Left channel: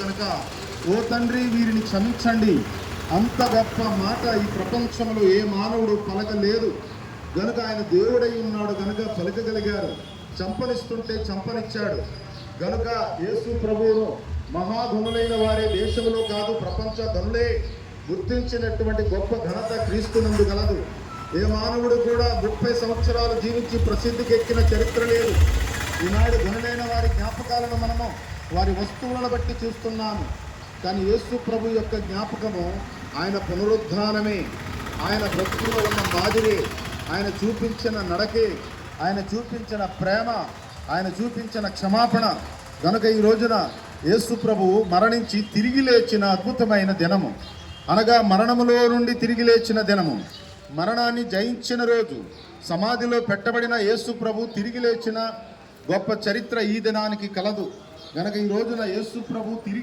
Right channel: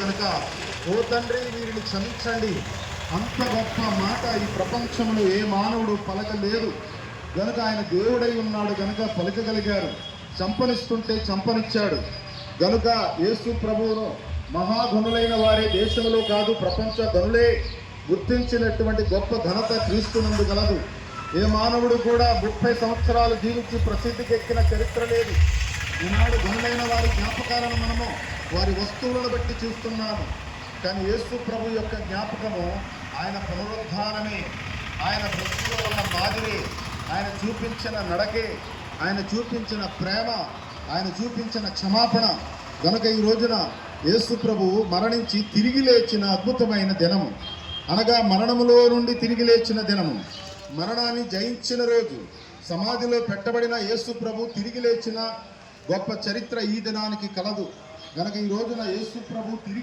కనుక ఓ తండ్రి వీరిని క్షమించండి. అంత గొప్ప మాట ఈ ప్రపంచంలో ఏ మానవుడు పలకలేదు గనుక ఆయన దేవుడై ఉన్నాడు గనుక పలకగలిగారు. చంపనిస్తుంటే చంపనిచ్చాడు గనుక యేసు ప్రభువును మహాధనులైన వారి దేశంలో కాదు ప్రపంచ ధనులే గుర్తించినటువంటి గొప్ప ఘనత క్రీస్తునందు గలదు. ఏ మానవుడు కూడా 30 సంవత్సరాలు జీవించి ప్రసిద్ధికి ఎక్కిన చరిత్ర లేదు. ఈనాడు ధనులైన వారి జ్ఞాపకాలను మనము వారి వస్తువులను బట్టి చూస్తున్నాము. కానీ యేసు ప్రభు యొక్క జ్ఞాపకము ఆయన పునరుద్ధానమే, ఆయన బ్రతుకులో ఉన్న మాదిరి, ఆయన చూపించిన నడకే, ఆయన చూపించిన ప్రేమ, ఆయన చూపించిన క్షమాపణ. గనుక ఈ రోజున యేసు ప్రభువు మరణించి తిరిగి లేచిన అద్భుతమైన దినము, అనగా మరణములో నుండి తిరిగి లేచిన దినము, మరణాన్ని జయించిన రోజు, సమాధిలో పెట్టబడిన యేసు ప్రభు తిరిగి లేచిన గొప్ప చరిత్ర ఈ దినానికి కలదు. గనక ఈ రోజున యేసు ప్రభు తిరిగి